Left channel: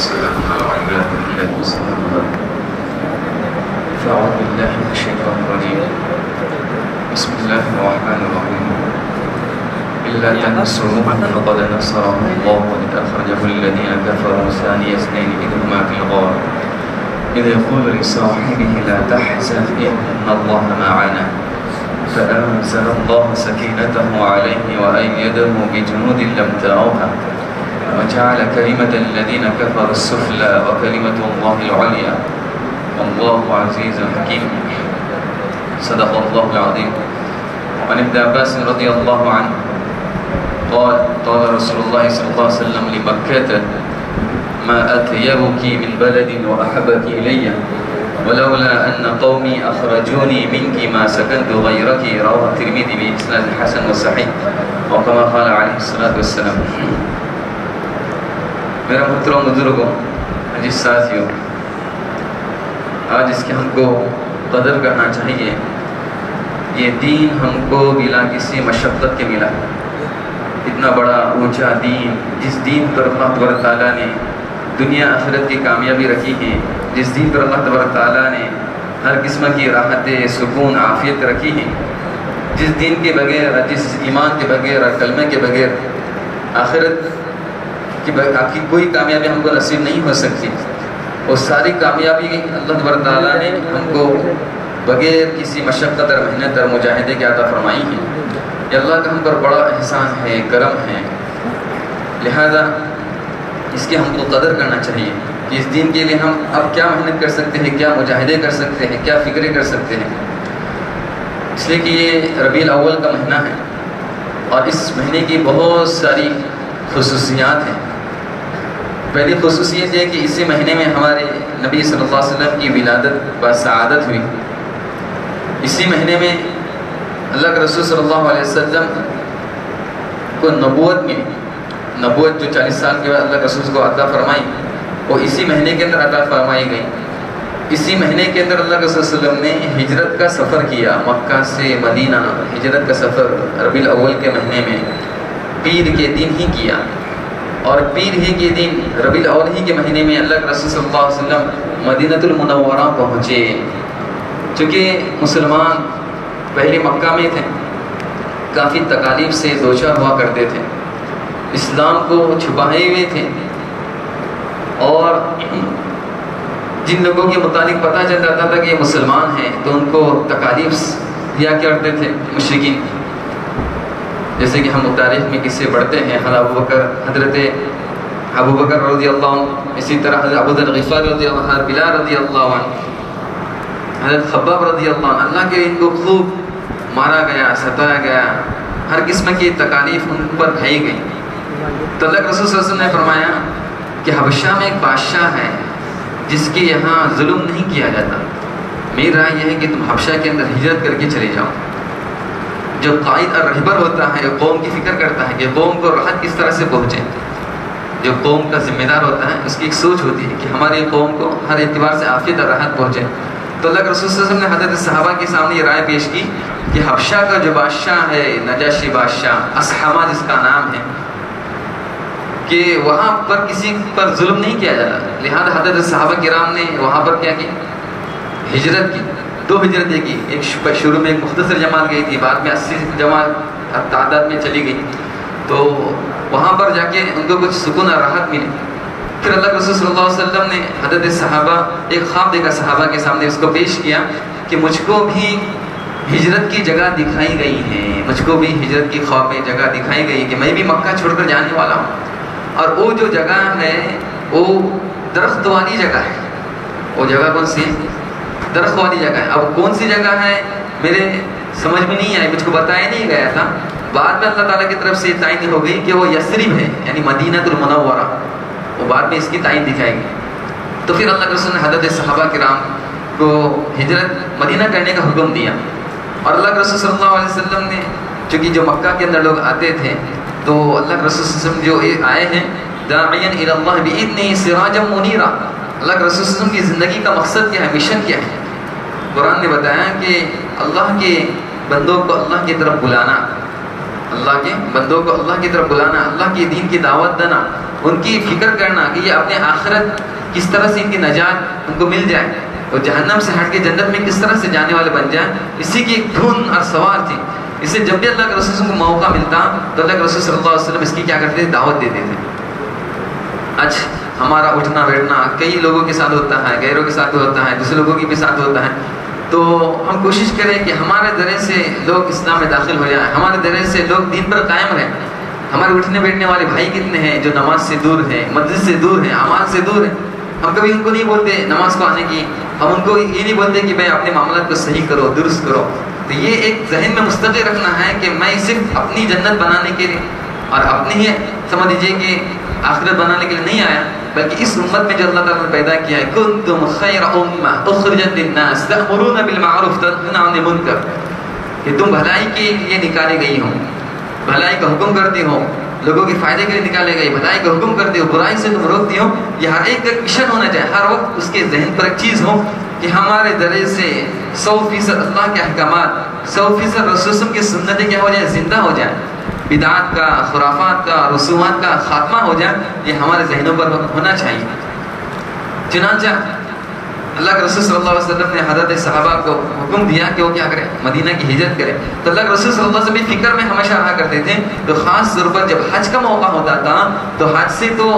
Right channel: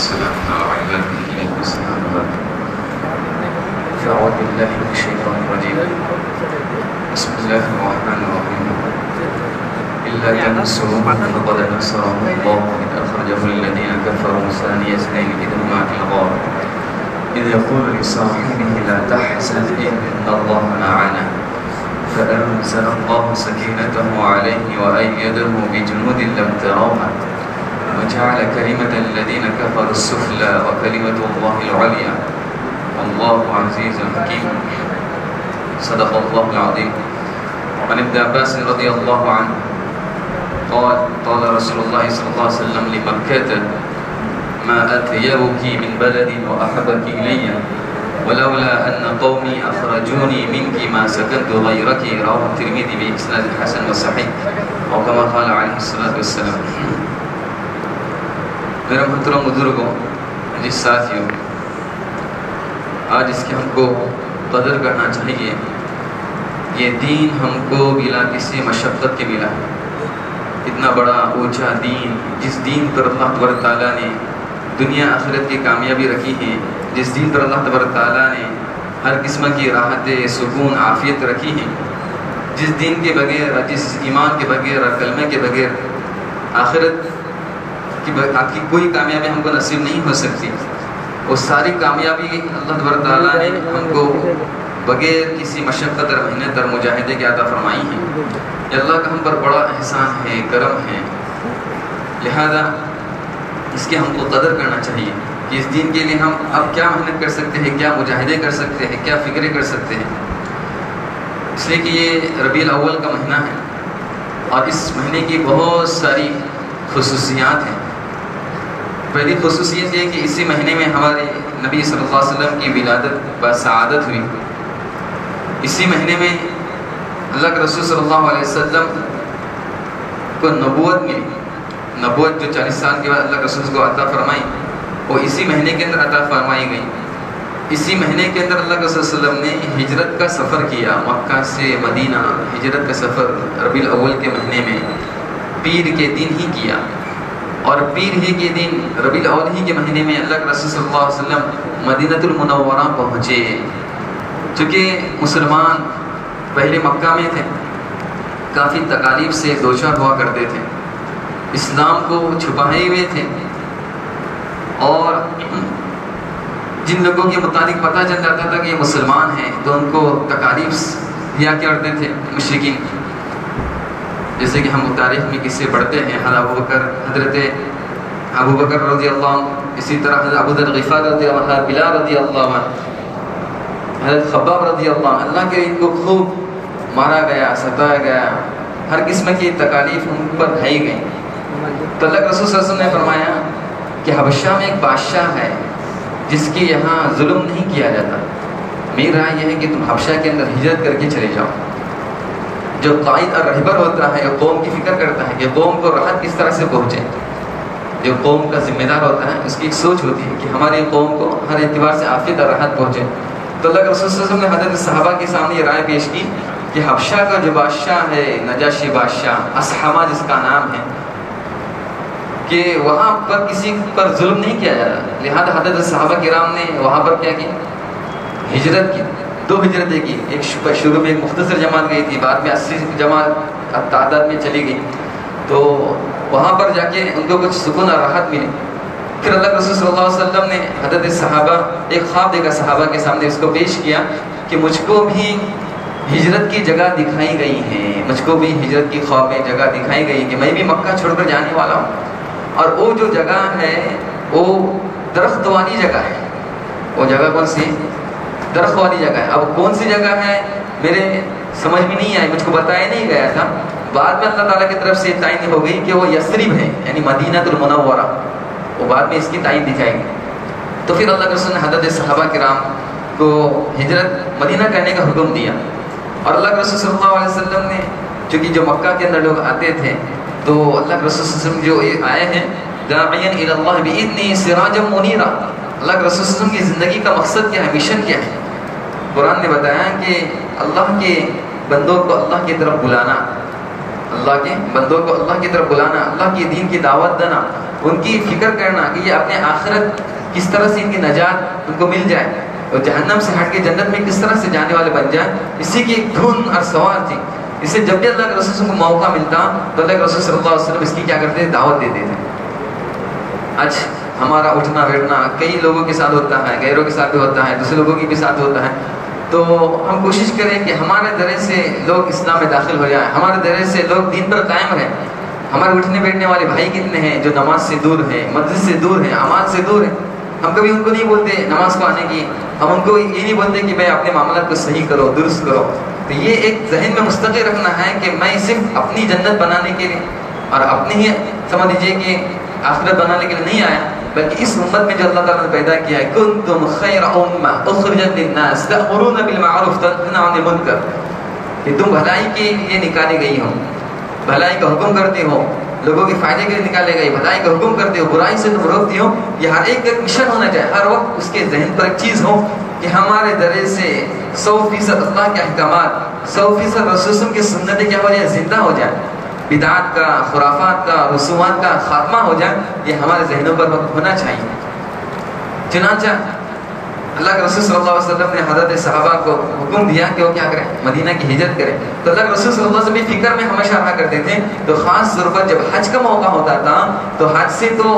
وسلام على عباده الذين اصطفى. فأعوذ بالله من الشيطان الرجيم. بسم الله الرحمن الرحيم. إلا تنصروه فقد نصره الله إذ أخرجه الذين كفروا ثاني اثنين إذ هما في الغار إذ يقول لصاحبه لا تحزن إن الله معنا فأنزل الله سكينته عليه وأيده بجنود لم تروها وجعل كلمة الذين كفروا السفلى وكلمة الله العليا والله عزيز حكيم. صدق الله العظيم. عن ابن عباس رضي الله عنه قال رسول الله صلى الله عليه وسلم لمكة ما أطيبك من بلد وأحبك إلي ولولا أن قومي أخرجوني منك ما سكنت غيرك. رواه الترمذي بإسناد حسن وصحيح وكما قال عليه الصلاة والسلام. میرے محترم بزرگوں، جس ساتھیوں، آج اس کی ہم کو قدر کرنا چاہیے. یہ دین ہم کو بلا کسی مشقت کے ملا ہے. اتنا بڑا اونچا دین، جس دین پر اللہ تبارک تعالیٰ نے دنیا آخرت کی کامیابی رکھی ہے، جس دین پر اللہ تبارک تعالیٰ نے ہر قسم کی راحت، سکون، عافیت رکھی ہے، جس دین کے بغیر، جس ایمان کے بغیر اور کلمے کے بغیر آخرت کی کوئی کامیابی ہم کو نصیب نہیں ہو سکتی. وہ ساری کامیابی اللہ تبارک تعالیٰ نے ہم کو بغیر کسی مشقت اور محنت اور مجاہدے کے عطا فرمائی ہے. یہ اللہ کا ہم پر بڑا احسان ہے، کرم ہے. لہذا اس کی ہم کو قدر کرنا چاہیے کہ اس دین کے لیے ہم اب کیا محنت کر سکتے ہیں، کیا مجاہدے کر سکتے ہیں، کیا فکریں کر سکتے ہیں. اس لیے کہ یہ ربیع الاول کا مہینہ ہے اور اس مہینے کی بہت ساری خصوصیات ہیں. پہلی خصوصیت یہ کہ اسی مہینے میں ہمارے نبی صلی اللہ علیہ وسلم کی ولادت با سعادت ہوئی. اسی مہینے میں اللہ کے رسول صلی اللہ علیہ وسلم کو نبوت ملی. نبوت جو 40 سال کے بعد اللہ کے رسول کو عطا فرمائی، وہ اسی مہینے کے اندر عطا فرمائی گئی. اسی مہینے کے اندر اللہ کے رسول صلی اللہ علیہ وسلم نے ہجرت کا سفر کیا. مکہ سے مدینہ ہجرت کا سفر ربیع الاول کے مہینے میں پیر کے دن ہی کیا. اور پیر ہی کے دن ربیع الاول ہی کے مہینے میں اللہ کے رسول صلی اللہ علیہ وسلم مدینہ المنورہ پہنچے. چونکہ مسلمان پہلے مکہ میں تھے، کافی تکالیف سے دوچار ہوا کرتے تھے، اسلام کو چھپائے ہوئے تھے، اور جن لوگوں کے متعلق پتہ چل جاتا تھا کہ یہ مسلمان ہیں تو ان کو تکالیف دیا کرتے تھے مشرکین. جیسے کہ ہم تاریخ میں قصے پڑھتے ہیں، حضرت ابو بکر رضی اللہ عنہ، اسی طرح حضرت ابو ذر غفاری رضی اللہ عنہ، بلال رضی اللہ عنہ، حضرت خباب رضی اللہ عنہ. اللہ کے ان کو خوب مارا گیا، ستایا گیا، ہر قسم کی تکالیف ان پر ڈھائی گئی. تو اللہ کے رسول صلی اللہ علیہ وسلم نے فرمایا کہ حبشہ میں ایک بادشاہ ہے جس کے یہاں ظلم نہیں کیا جاتا. میری رائے یہ ہے کہ تم حبشہ کے اندر ہجرت کر کے چلے جاؤ. جو قائد اور رہبر ہوتا ہے قوم کی فکر کرتا ہے کہ قوم کو راحت کس طرح سے پہنچے. جو قوم کا ذمہ دار ہوتا ہے اس کی ایک سوچ ہوتی ہے کہ ہماری قوم کو ہر اعتبار سے عافیت اور راحت پہنچے. تو اللہ کے رسول صلی اللہ علیہ وسلم نے حضرت صحابہ کے سامنے یہ رائے پیش کی کہ حبشہ کا جو بادشاہ ہے، نجاشی بادشاہ، اصحمہ جس کا نام ہے، کہ وہاں پر کسی پر ظلم نہیں کیا جاتا. لہذا حضرت صحابہ کرام نے وہاں پر کیا کی، ہجرت کی. 2 ہجرتیں کی. ایک شروع میں ایک مختصر جماعت گئی تھی، بعد میں 80 جماعت تعداد میں چلی گئی. تو وہاں پر جا کے ان کو کچھ سکون اور راحت ملی. پھر اللہ کے رسول صلی اللہ علیہ وسلم نے حضرت صحابہ ایک خواب دیکھا، صحابہ کے سامنے اس کو پیش کیا کہ مجھ کو بھی ہجرت کی جگہ دکھائی گئی ہے، مجھ کو بھی ہجرت کی خواب میں جگہ دکھائی گئی کہ میں بھی مکہ چھوڑ کر جانے والا ہوں. اور وہ جو جگہ ہے وہ درخت والی جگہ ہے. وہ جگہ کون سی؟ درخت والی جگہ ہے. اب کون سی جگہ ہے میرے سمجھ میں نہیں آئی، مجھ کو بتایا نہیں گیا تھا. بعد میں اللہ تعالیٰ کی طرف سے تعین ہو گئی کہ وہ یثرب ہے، یعنی مدینہ المنورہ. وہ بعد میں اس کی تعین دکھائی گئی. تو پھر اللہ کے رسول نے حضرت صحابہ کرام کو ہجرت مدینہ کرنے کا حکم دیا. اور اللہ کے رسول صلی اللہ علیہ وسلم نے، چونکہ جو مکہ کے اندر لوگ آتے تھے تو اللہ کے رسول صلی اللہ علیہ وسلم جو آئے ہیں داعیا الی اللہ باذنہ سراجا منیرا. اللہ کے رسول صلی اللہ علیہ وسلم کی زندگی کا مقصد کیا ہے، مشن کیا ہے؟ قرآن نے بتایا کہ اللہ کے بندوں کو اللہ کی طرف بلانا. اللہ کے بندوں کو اللہ کی طرف بلانا، اللہ کے دین کی دعوت دینا، ان کی فکر کرنا کہ یہ اپنے آخرت کس طرح سے ان کی نجات ان کو مل جائے اور جہنم سے ہٹ کے جنت میں کس طرح سے جانے والے بن جائیں، اسی کی ایک دھن اور سوال تھی. اسے جب بھی اللہ کے رسول کو موقع ملتا تو اللہ کے رسول صلی اللہ علیہ وسلم اس کی کیا کرتے تھے؟ دعوت دیتے تھے. آج ہمارا اٹھنا بیٹھنا کئی لوگوں کے ساتھ ہوتا ہے، غیروں کے ساتھ بھی ہوتا ہے، دوسرے لوگوں کے بھی ساتھ ہوتا ہے. تو ہم کوشش کریں کہ ہمارے ذریعے سے لوگ اسلام میں داخل ہو جائیں، ہمارے ذریعے سے لوگ دین پر قائم رہیں. ہمارے اٹھنے بیٹھنے والے بھائی کتنے ہیں جو نماز سے دور ہیں، مسجد سے دور ہیں، اعمال سے دور ہیں. ہم کبھی ان کو نہیں بولتے نماز کو آنے کی، ہم ان کو یہ نہیں بولتے کہ بھائی اپنے معاملات کو صحیح کرو، درست کرو. تو یہ ایک ذہن میں مستقل رکھنا ہے کہ میں صرف اپنی جنت بنانے کے لیے اور اپنی ہی سمجھ لیجیے کہ آخرت بنانے کے لیے نہیں آیا، بلکہ اس امت میں جو اللہ تعالیٰ نے پیدا کیا ہے، کنتم خیر امہ اخرجت للناس تأمرون بالمعروف تنہون عن المنکر، کہ تم بھلائی کے لیے نکالے گئی ہو، بھلائی کا حکم کرتے ہو، لوگوں کے فائدے کے لیے نکالے گئے، بھلائی کا حکم کرتے ہو، برائی سے تم روکتے ہو. یہ ہر ایک کا مشن ہونا چاہیے، ہر وقت اس کے ذہن پر ایک چیز ہو کہ ہمارے ذریعے سے 100% اللہ کے احکامات، 100% رسول کی سنتیں کیا ہو جائے؟ زندہ ہو جائے. بدعات کا، خرافات کا، رسومات کا خاتمہ ہو جائے. یہ ہمارے ذہنوں پر ہونا چاہیے. چنانچہ اللہ کے رسول صلی اللہ علیہ وسلم نے حضرت صحابہ کو حکم دیا کہ وہ کیا کریں؟ مدینہ کی ہجرت کریں. تو اللہ کے رسول صلی اللہ علیہ وسلم فکر میں ہمیشہ رہا کرتے تھے. تو خاص طور پر جب حج کا موقع ہوتا تھا تو حج سے تو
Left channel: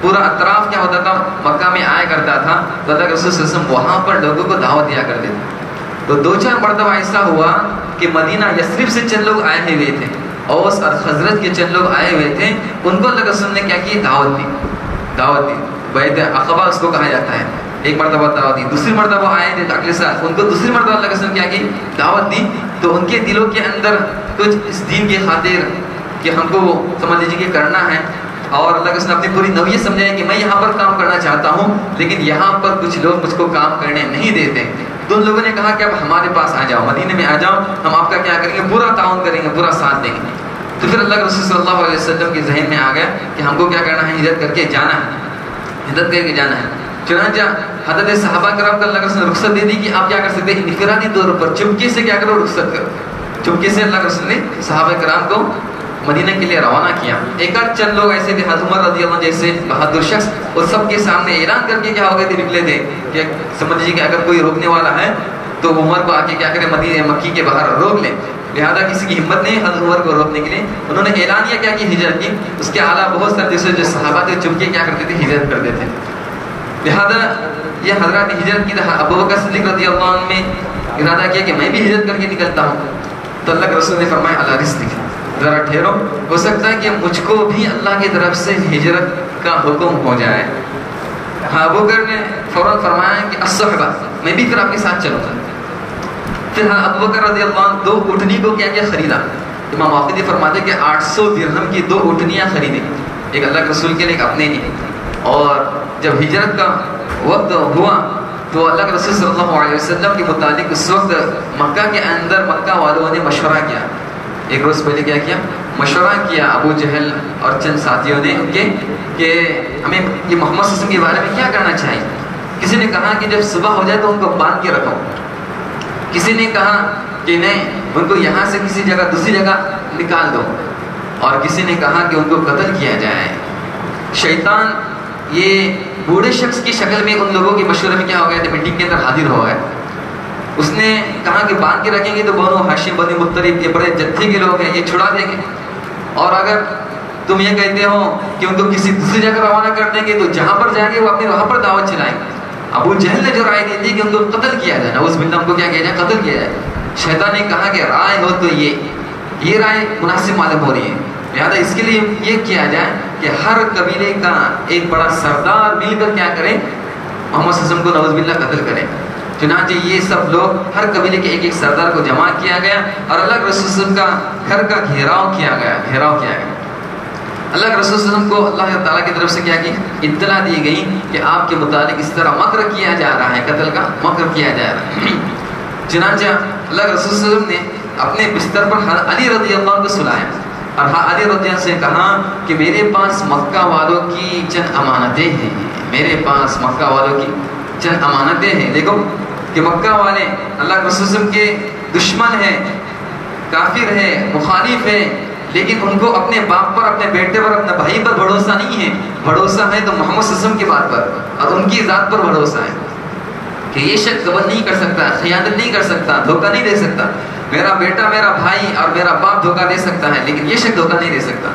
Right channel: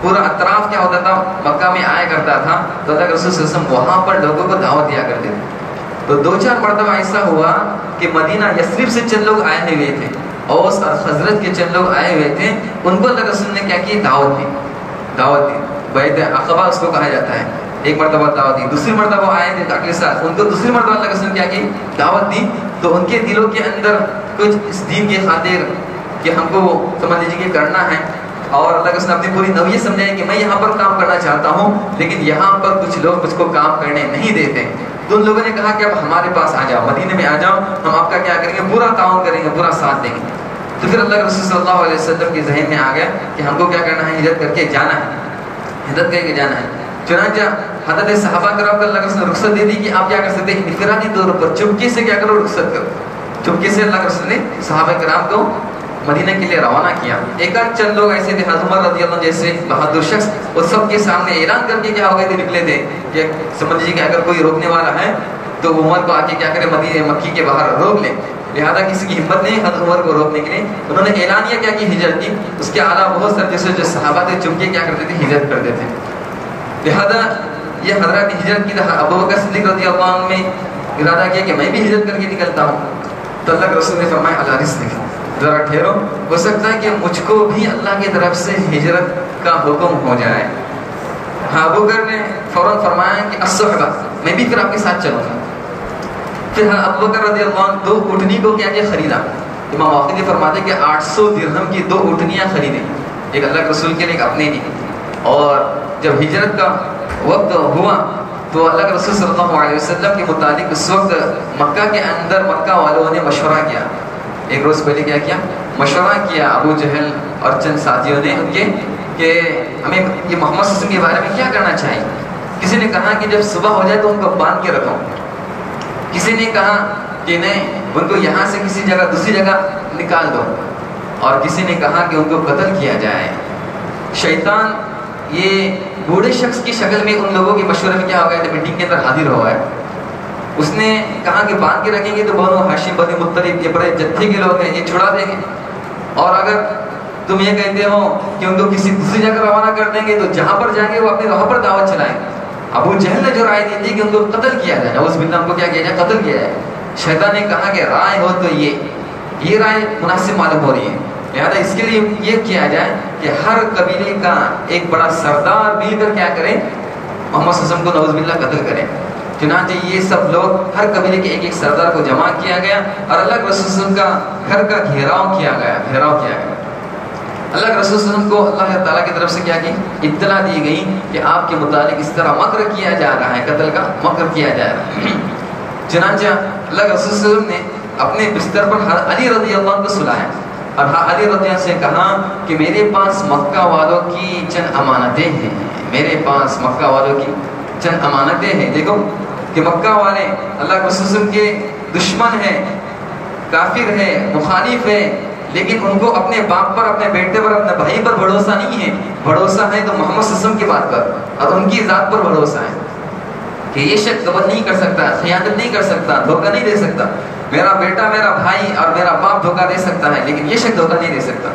پورا اطراف کیا ہوتا تھا؟ مکہ میں آیا کرتا تھا. تو اللہ کے رسول صلی اللہ علیہ وسلم وہاں پر لوگوں کو دعوت دیا کرتے تھے. تو 2-4 مرتبہ ایسا ہوا کہ مدینہ یثرب سے چند لوگ آئے ہوئے تھے، اوس اور خزرج کے چند لوگ آئے ہوئے تھے. ان کو اللہ کے رسول نے کیا کی؟ دعوت دی. بیعت عقبہ اس کو کہا جاتا ہے. ایک مرتبہ دعوت دی، دوسری مرتبہ آئے تھے اگلے سال، ان کو دوسری مرتبہ اللہ کے رسول نے کیا کی؟ دعوت دی. تو ان کے دلوں کے اندر کچھ اس دین کی خاطر کہ ہم کو سمجھ لیجیے کہ کرنا ہے، اور اللہ کے رسول نے اپنی پوری نوعیت سمجھائی کہ میں یہاں پر کام کرنا چاہتا ہوں لیکن یہاں پر کچھ لوگ مجھ کو کام کرنے نہیں دیتے. تو ان لوگوں نے کہا کہ اب ہمارے پاس آ جاؤ، مدینے میں آ جاؤ، ہم آپ کا کیا کریں گے؟ پورا تعاون کریں گے، پورا ساتھ دیں گے. تو پھر اللہ کے رسول صلی اللہ علیہ وسلم کے ذہن میں آ گیا کہ ہم کو کیا کرنا ہے؟ ہجرت کر کے جانا ہے، ہجرت کر کے جانا ہے. چنانچہ حضرت صحابہ کرام کو اللہ کے رسول نے رخصت دے دی کہ آپ کیا کر سکتے ہیں؟ انفرادی طور پر چپکے سے کیا کرو؟ رخصت کرو. چپکے سے اللہ کے رسول نے صحابہ کرام کو مدینہ کے لیے روانہ کیا. ایک آدھ چند لوگ ایسے تھے، حضرت عمر رضی اللہ عنہ جیسے بہادر شخص، اور سب کے سامنے اعلان کر کے کیا ہو گئے تھے؟ نکلے تھے کہ سمجھ لیجیے کہ اگر کوئی روکنے والا ہے تو عمر کو آ کے کیا کرے؟ مدینہ مکی کے باہر روک لیں. لہذا کسی کی ہمت نہیں حضرت عمر کو روکنے کے لیے. انہوں نے اعلانیہ کیا کی؟ ہجرت کی. اس کے علاوہ بہت سارے دوسرے جو صحابہ تھے چپکے کیا کرتے تھے؟ ہجرت کرتے تھے. لہذا یہ حضرات ہجرت کی. ابو بکر صدیق رضی اللہ عنہ نے ارادہ کیا کہ میں بھی ہجرت کر کے نکلتا ہوں. تو اللہ کے رسول نے فرمایا اللہ رزق، ذرا ٹھہرو، ہو سکتا ہے کہ مجھ کو بھی اللہ کی طرف سے ہجرت کا حکم ہو جائے. ہاں ابو بکر نے فوراً فرمایا کہ الصحبہ، میں بھی پھر آپ کے ساتھ چلوں گا. پھر ابو بکر رضی اللہ عنہ 2 اونٹنی کو کیا خریدا. امام واقعی فرماتے کہ 800 درہم کی 2 اونٹنیاں خریدیں، ایک اللہ کے رسول کے لیے، ایک اپنے لیے. اور جب ہجرت کا وقت ہوا تو اللہ کے رسول صلی اللہ علیہ وسلم کے متعلق اس وقت مکہ کے اندر مکہ والوں نے مشورہ کیا. ایک روز پہلے کیا کیا؟ مشورہ کیا ابو جہل اور چند ساتھیوں نے ان کے کہ ہمیں یہ محمد صلی اللہ علیہ وسلم کے بارے میں کیا کرنا چاہیے. کسی نے کہا کہ جب صبح ہو جائے تو ان کو باندھ کے رکھو. کسی نے کہا کہ نہیں، ان کو یہاں سے کسی جگہ دوسری جگہ نکال دو. اور کسی نے کہا کہ ان کو قتل کیا جائے. شیطان یہ بوڑھے شخص کی شکل میں ان لوگوں کے مشورے میں کیا ہو گیا تھا؟ میٹنگ کے اندر حاضر ہو گئے. اس نے کہا کہ باندھ کے رکھیں گے تو بنو ہاشم بنو مطلب یہ بڑے جتھے کے لوگ ہیں، یہ چھڑا دیں گے. اور اگر تم یہ کہتے ہو کہ ان کو کسی دوسری جگہ روانہ کر دیں گے تو جہاں پر جائیں گے وہ اپنے وہاں پر دعوت چلائیں گے. ابو جہل نے جو رائے دی تھی کہ ان کو قتل کیا جائے، نعوذ باللہ، ان کو کیا کیا جائے؟ قتل کیا جائے. شیطان نے کہا کہ رائے ہو تو یہ رائے مناسب معلوم ہو رہی ہے. لہٰذا اس کے لیے یہ کیا جائے کہ ہر قبیلے کا ایک بڑا سردار مل کر کیا کرے؟ محمد صلی اللہ علیہ وسلم کو نعوذ باللہ قتل کرے. چنانچہ یہ سب لوگ ہر قبیلے کے ایک سردار کو جمع کیا گیا اور اللہ کے رسول صلی اللہ علیہ وسلم کا گھر کا گھیراؤ کیا گیا. اللہ کے رسول صلی اللہ علیہ وسلم کو اللہ تعالیٰ کی طرف سے کیا کی؟ اطلاع دی گئی کہ آپ کے متعلق اس طرح مکر کیا جا رہا ہے، قتل کا مکر کیا جا رہا ہے. چنانچہ اللہ کے رسول صلی اللہ علیہ وسلم نے اپنے بستر پر علی رضی اللہ عنہ کو سلایا اور علی رضی اللہ عنہ سے کہا کہ میرے پاس مکہ والوں کی چند امانتیں ہیں، میرے پاس مکہ والوں کی چند امانتیں ہیں. دیکھو کہ مکہ والے اللہ کے رسول کے دشمن ہیں، کافر ہیں، مخالف ہیں، لیکن ان کو اپنے باپ پر، اپنے بیٹے پر، اپنے بھائی پر بھروسہ نہیں ہے. بھروسہ ہے تو محمد صلی اللہ علیہ وسلم کی بات پر اور ان کی ذات پر بھروسہ ہے کہ یہ شخص غبن نہیں کر سکتا، خیانت نہیں کر سکتا، دھوکہ نہیں دے سکتا. میرا بیٹا، میرا بھائی اور میرا باپ دھوکہ دے سکتا ہے لیکن یہ شخص دھوکہ نہیں دے سکتا.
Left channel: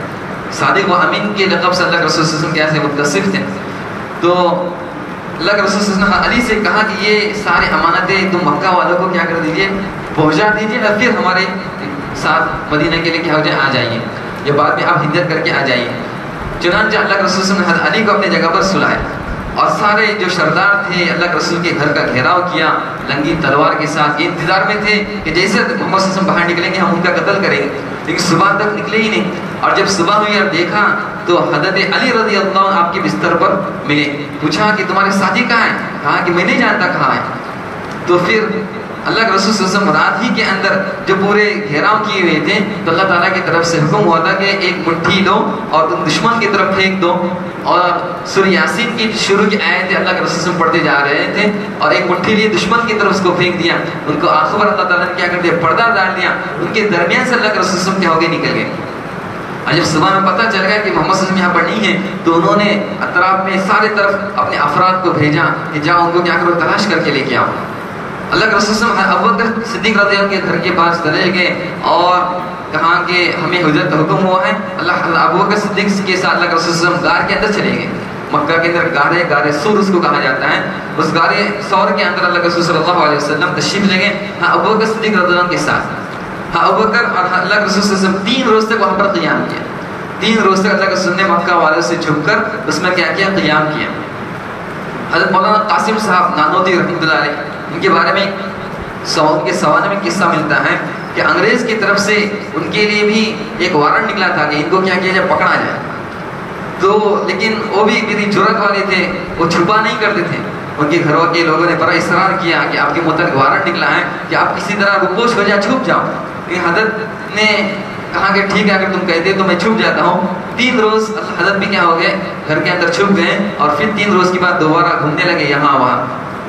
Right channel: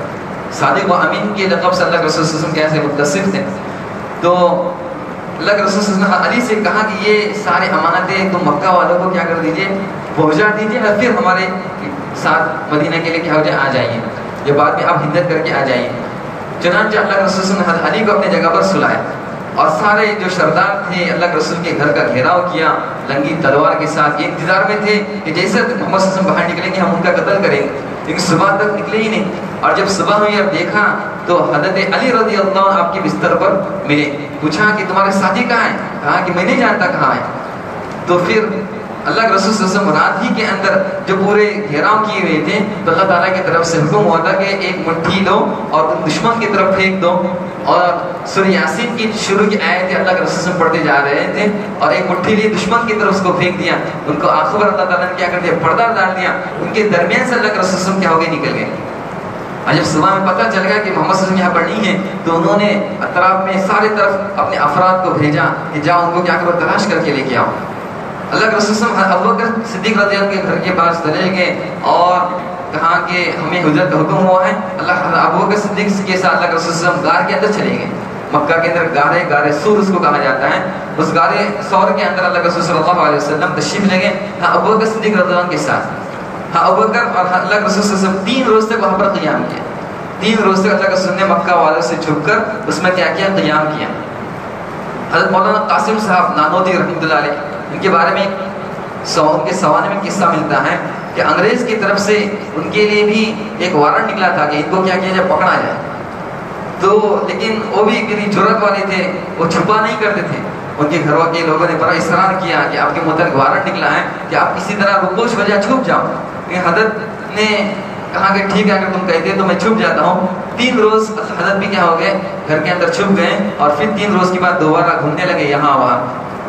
صادق و امین کے لقب سے اللہ کے رسول صلی اللہ علیہ وسلم کیسے متصف تھے. تو اللہ کے رسول صلی اللہ علیہ وسلم علی سے کہا کہ یہ سارے امانتیں تم مکہ والوں کو کیا کر دیجئے، پہنچا دیجئے اور پھر ہمارے ساتھ مدینہ کے لیے کیا ہو جائے، آ جائیے، یہ بعد میں آپ ہجرت کر کے آ جائیے. چنانچہ اللہ کے رسول صلی اللہ علیہ وسلم نے علی کو اپنی جگہ پر سلایا اور سارے جو سردار تھے اللہ کے رسول کے گھر کا گھیراؤ کیا لنگی تلوار کے ساتھ. یہ انتظار میں تھے کہ جیسے محمد صلی اللہ علیہ وسلم باہر نکلیں گے ہم ان کا قتل کریں گے، لیکن صبح تک نکلے ہی نہیں. اور جب صبح ہوئی اور دیکھا تو حضرت علی رضی اللہ عنہ آپ کے بستر پر ملے. پوچھا کہ تمہارے ساتھی کہاں ہیں؟ کہا کہ میں نہیں جانتا کہاں ہے. تو پھر اللہ کے رسول صلی اللہ علیہ وسلم رات ہی کے اندر جو پورے گھیراؤ کیے ہوئے تھے تو اللہ تعالیٰ کی طرف سے حکم ہوا تھا کہ ایک مٹھی لو اور ان دشمن کی طرف پھینک دو. اور سورہ یاسین کی شروع کی آیتیں اللہ کے رسول صلی اللہ علیہ وسلم پڑھتے جا رہے تھے اور ایک مٹھی لیے دشمن کی طرف اس کو پھینک دیا. ان کو آخر اللہ تعالیٰ نے کیا کر دیا، پردہ ڈال دیا. ان کے درمیان سے اللہ کے رسول صلی اللہ علیہ وسلم کیا ہو گئے، نکل گئے. اور جب صبح میں پتہ چل گیا کہ محمد صلی اللہ علیہ وسلم یہاں پر نہیں ہے تو انہوں نے اطراف میں سارے طرف اپنے افراد کو بھیجا کہ جاؤ ان کو کیا کرو، تلاش کر کے لے کے آؤ. اللہ کے رسول صلی اللہ علیہ وسلم ابوبکر صدیق رضی اللہ عنہ کے گھر کے پاس چلے گئے اور کہا کہ ہمیں ہجرت کا حکم ہوا ہے. ابوبکر صدیق کے ساتھ اللہ کے رسول صلی اللہ علیہ وسلم غار کے اندر چلے گئے. مکہ کے اندر غار سور اس کو کہا جاتا ہے. اس غار سور کے اندر اللہ کے رسول صلی اللہ علیہ وسلم تشریف لے گئے ابوبکر صدیق رضی اللہ عنہ کے ساتھ. ابوبکر اور اللہ کے رسول صلی اللہ علیہ وسلم 3 روز تک وہاں پر قیام کیا. 3 روز تک اللہ کے رسول نے مکہ والوں سے چھپ کر اس میں کیا کیا، قیام کیا. حضرت مولانا قاسم صاحب نانوتوی رحمۃ اللہ علیہ، ان کے بارے میں ان کے سوانح میں قصہ ملتا ہے کہ انگریز کی طرف سے ان کے لیے بھی ایک وارنٹ نکلا تھا کہ ان کو کیا کیا جائے، پکڑا جائے. تو لیکن وہ بھی اتنی جرأت والے تھے، وہ چھپا نہیں کرتے تھے. ان کے گھروں کے لوگوں نے بڑا اصرار کیا کہ آپ کے متعلق وارنٹ نکلا ہے کہ آپ کسی طرح رپوش ہو جائے، چھپ جاؤ. لیکن حضرت نے کہا کہ ٹھیک ہے اگر تم کہتے تو میں چھپ جاتا ہوں. 3 روز حضرت بھی کیا ہو گئے، گھر کے اندر چھپ گئے اور پھر 3 روز کے بعد دوبارہ گھومنے لگے یہاں وہاں.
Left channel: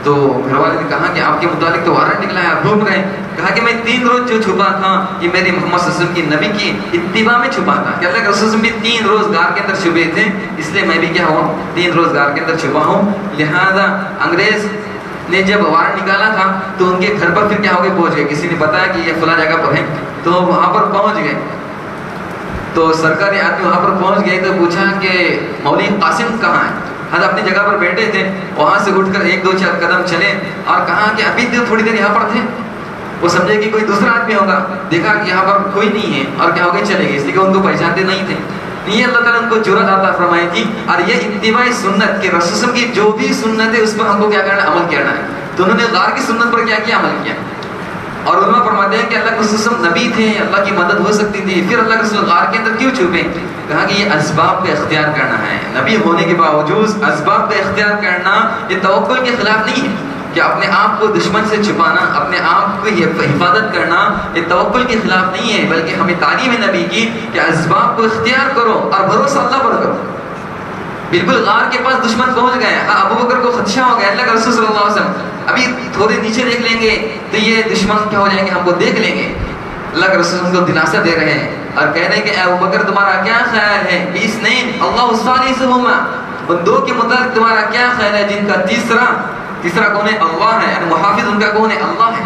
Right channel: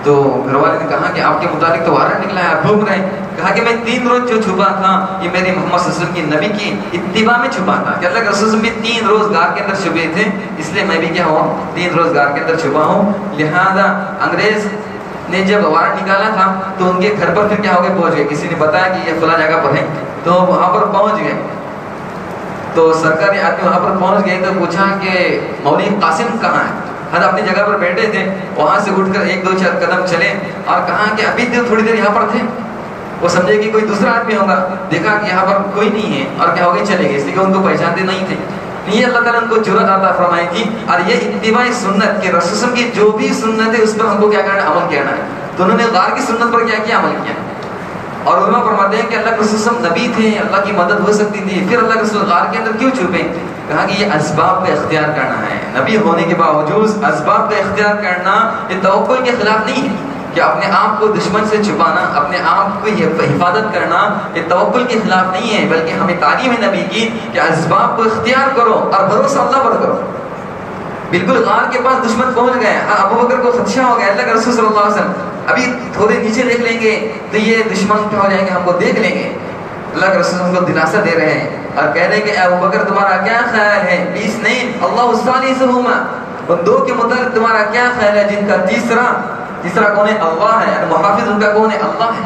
تو گھر والے نے کہا کہ آپ کے متعلق تو وارنٹ نکلا ہے، آپ گھوم رہے ہیں. کہا کہ میں 3 روز جو چھپا تھا یہ میری محمد صلی اللہ علیہ وسلم کی نبی کی اتباع میں چھپا تھا کہ اللہ کے رسول بھی 3 روز غار کے اندر چھپے تھے، اس لیے میں بھی کیا ہوا 3 روز غار کے اندر چھپا ہوں. لہذا انگریز نے جب وارنٹ نکالا تھا تو ان کے گھر پر پھر کیا ہو گئے، پہنچ گئے. کسی نے بتایا کہ یہ فلاں جگہ پر ہے تو وہاں پر پہنچ گئے. تو سرکاری آدمی وہاں پر پہنچ گئے تو پوچھا کہ مولوی قاسم کہاں ہے. حضرت اپنی جگہ پر بیٹھے تھے، وہاں سے اٹھ کر 1-2 قدم چلے اور کہا کہ ابھی تھوڑی دیر یہاں پر تھے. وہ سمجھے کہ کوئی دوسرا آدمی ہوگا، دیکھا کہ یہاں پر کوئی نہیں ہے اور کیا ہو گئے، چلے گئے، اس لیے کہ ان کو پہچانتے نہیں تھے. یہ اللہ تعالیٰ ان کو جرأت عطا فرمائی تھی. اور یہ اتباع سنت کہ رسول کی جو بھی سنت ہے اس پر ہم کو کیا کرنا ہے، عمل کرنا ہے. تو انہوں نے غار کی سنت پر کیا کیا، عمل کیا. اور علماء فرماتے ہیں کہ اللہ کے رسول نبی تھے، اللہ کی مدد ہو سکتی تھی، پھر اللہ کے رسول غار کے اندر کیوں چھپے. کہا کہ یہ اسباب کا اختیار کرنا ہے. نبی ہونے کے باوجود اسباب کا اختیار کرنا یہ توکل کے خلاف نہیں ہے کہ اپنے آپ کو دشمن سے چھپانا، اپنے آپ کو حفاظت کرنا یہ توکل کے خلاف نہیں ہے، بلکہ ہمیں تعلیم ہے نبی کی کہ اسباب کو اختیار کرو اور بھروسہ اللہ پر کرو. بالکل غار کے پاس دشمن پہنچ گئے. ابوبکر کو خدشہ ہو گیا، اللہ کے رسول صلی اللہ علیہ وسلم ابھی تھوڑے نیچے دیکھ لیں گے تو یہ دشمن کیا ہو جائیں گے، ہم کو دیکھ لیں گے. اللہ کے رسول ان کو دلاسا دے رہے ہیں اور کہہ رہے ہیں کہ اے ابوبکر تمہارا کیا خیال ہے، 20 نہیں اللہ الثالثہما، ان 2 کے متعلق تمہارا کیا خیال ہے جن کا تیسرا کون ہے، اللہ ہے. اور محافظ ان کا کون ہے، اللہ ہے.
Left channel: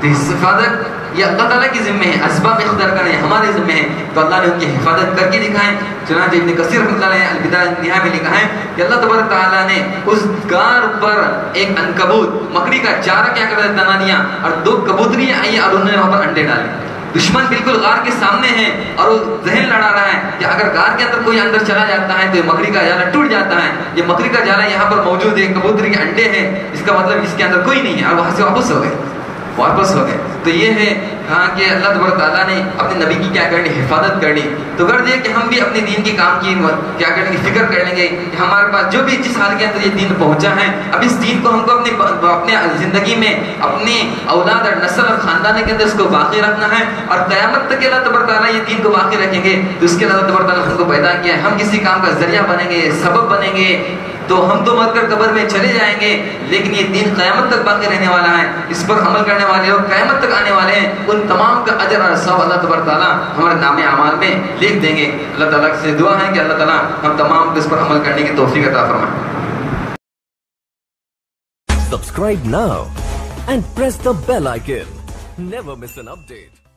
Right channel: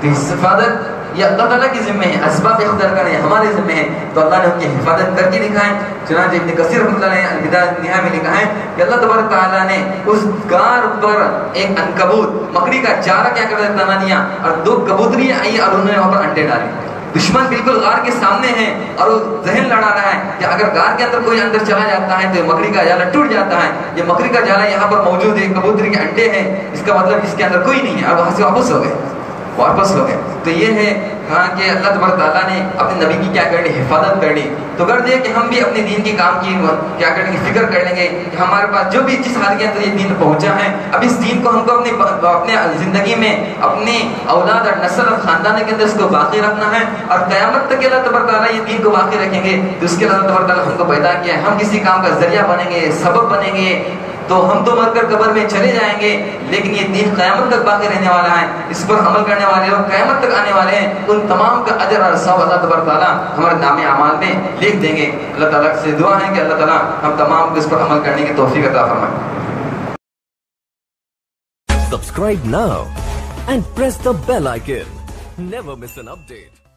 تو حفاظت یہ اللہ تعالیٰ کی ذمہ ہے، اسباب اختیار کرنے ہمارے ذمہ ہے. تو اللہ نے ان کی حفاظت کر کے دکھائے. چنانچہ ابن کثیر رحمۃ اللہ علیہ البدایہ والنہایہ میں لکھا ہے کہ اللہ تبارک تعالیٰ نے اس غار پر ایک عنکبوت مکڑی کا چارہ کیا کر بنا دیا اور 2 کبوتری آئی اور انہوں نے وہاں پر انڈے ڈالے. دشمن بالکل غار کے سامنے ہے اور وہ ذہن لڑا رہا ہے کہ اگر غار کے اندر کوئی اندر چلا جاتا ہے تو یہ مکڑی کا جالا ٹوٹ جاتا ہے. یہ مکڑی کا جالا یہاں پر موجود ہے، کبوتری کے انڈے ہیں، اس کا مطلب اس کے اندر کوئی نہیں ہے. اور وہاں سے واپس ہو گئے. تو یہ ہے ہاں کہ اللہ تبارک تعالیٰ نے اپنے نبی کی کیا کرنی، حفاظت کرنی. تو غرض یہ کہ ہم بھی اپنے دین کے کام کی کیا کریں گے، فکر کر لیں گے کہ ہمارے پاس جو بھی جس حال کے اندر یہ دین پہنچا ہے، اب اس دین کو ہم کو اپنے زندگی میں اپنے اولاد اور نسل اور خاندان کے اندر اس کو باقی رکھنا ہے. اور قیامت تک اللہ تبارک تعالیٰ یہ دین کو باقی رکھیں گے تو اس کے اللہ تبارک تعالیٰ ہم کو پیدا کیا ہے. ہم کسی کام کا ذریعہ بنیں گے، سبب بنیں گے تو ہم تو مر کر قبر میں چلے جائیں گے، لیکن یہ دین قیامت تک باقی رہنے والا ہے، اس پر عمل کرنے والے لوگ قیامت تک آنے والے ہیں، ان تمام کا اجر اور ثواب اللہ تبارک تعالیٰ ہمارے نام اعمال میں لکھ دیں گے۔ اللہ تعالیٰ سے دعا ہے کہ اللہ تعالیٰ ہم تمام کو اس پر عمل کرنے کی توفیق عطا فرمائے۔ Subscribe now and press the bell icon. Never miss an update.